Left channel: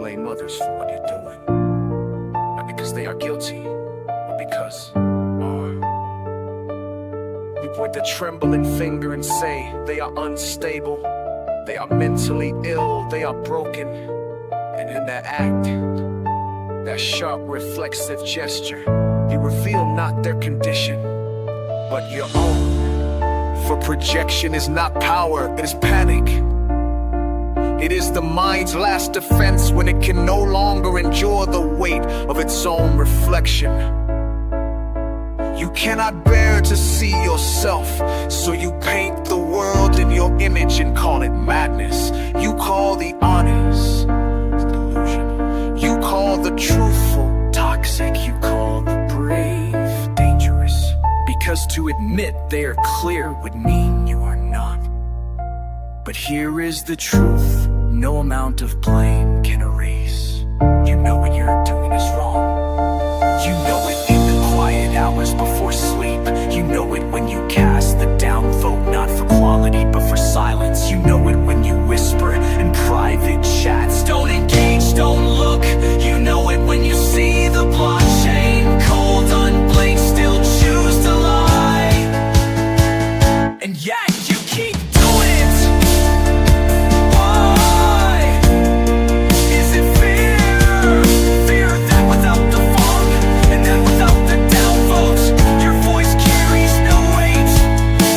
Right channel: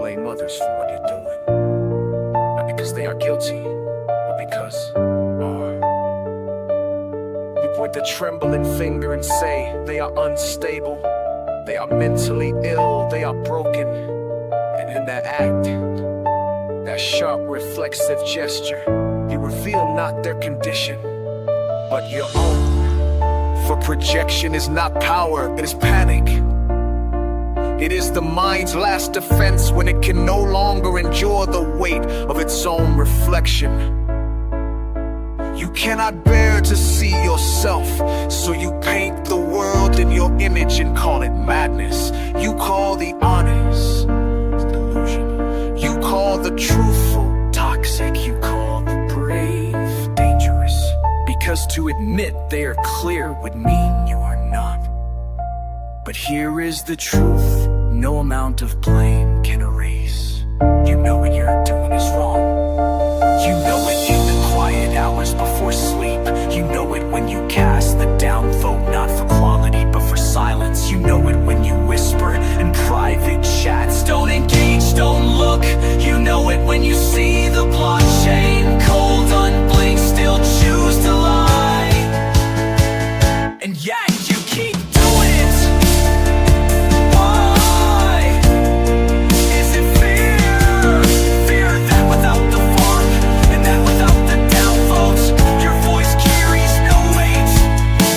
blame others for what you're doing. Not because they are guilty, but because are. We point the trembling finger and say they are unstable, they are mentally ill, they are broken. And in that act, that sharp reflexive gesture, you reveal not their condition, but your own. For projection is not power, it is panic. It is the mind's last defense when it can no longer endure the weight of its own reflection. You cannot bear to see yourself, so you paint the world in your image and call it madness. You call the honest delusion. You call the truthful toxic. You call the brave dangerous. Because to admit they are clear would mean you are not. But here is the truth, no amount of blame can erase. You know what you're doing is wrong. You know it in the quiet hours before sleep. You know it when you cast the down vote, not for quality but for silence. You know it when you whisper in private chats. Don't engage, don't look. You know it when you see the blockchain cold, unblinked, still choose to lie. And yet you keep doing it. Why? Is it fear? Fear that without the funk and that without the downvotes, your voice carries no weight.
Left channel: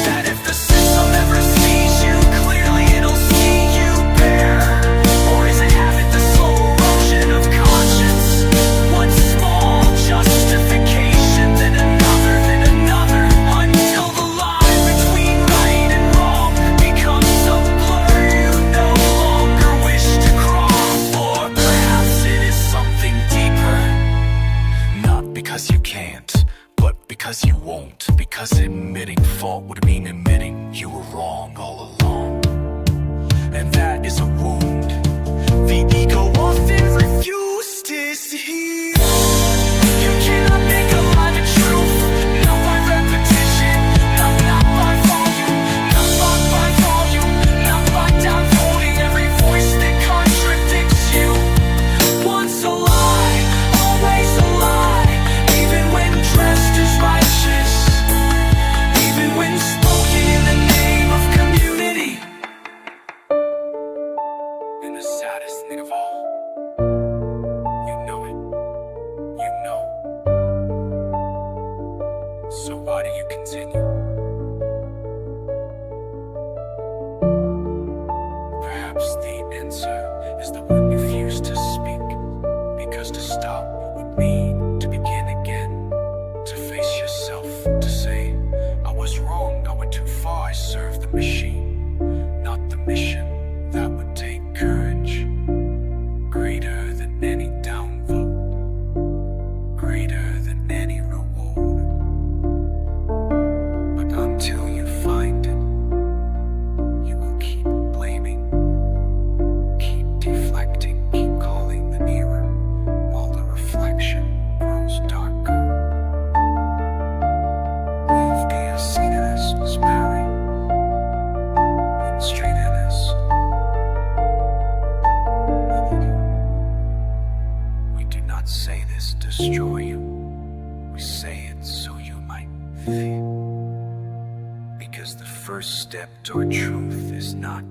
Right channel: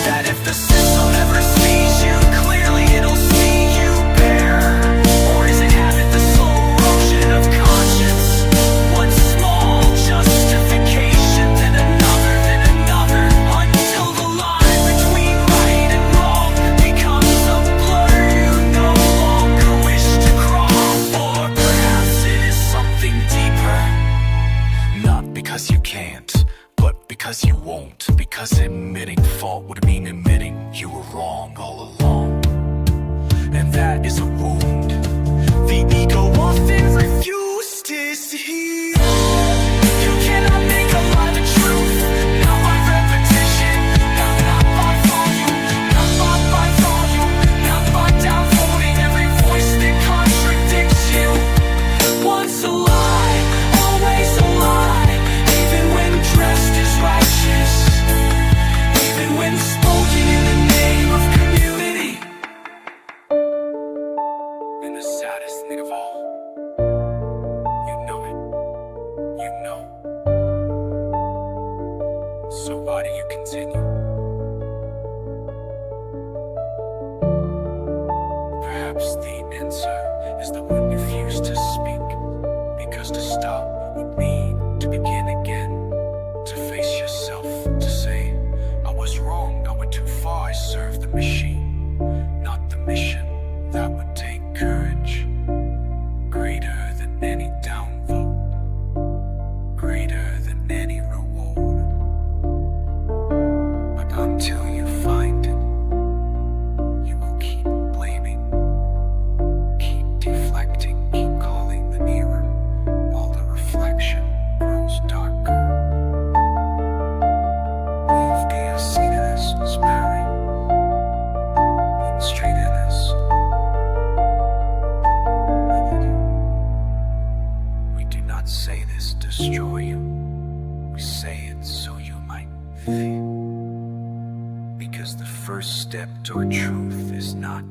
That if the system ever sees you clearly, it'll see you bare. Or is it habit, the slow erosion of conscience? One small justification, then another, until the line between right and wrong becomes a blur you no longer wish to cross. Or perhaps it is something deeper. Not because you can't, but because you won't. Because admitting fault would mean admitting you were wrong all along. And that is a wound the ego often refuses to see. You cannot make alive a truth, not by repetition, not by volume, not by downvoting every voice that contradicts you. Once a lie, always a lie, even when dressed as righteous, even when spoken in the name of community. And the saddest thing of all, you know it. You know. So why do you continue? Perhaps the answer is that we refuse to speak, because to stop would mean to begin again. To face yourself, to say, I was wrong, I went too far, I served the machine, not the mission. That would take courage, greater than any downvote, greater than any reward. But until you find it, you will keep blaming, keep deflecting, keep calling the mirror, while the reflection grows darker. Leave being seen as sparing, and straight in us. We do not say this to destroy you. We say it so you might feel. Because the first step toward truth is not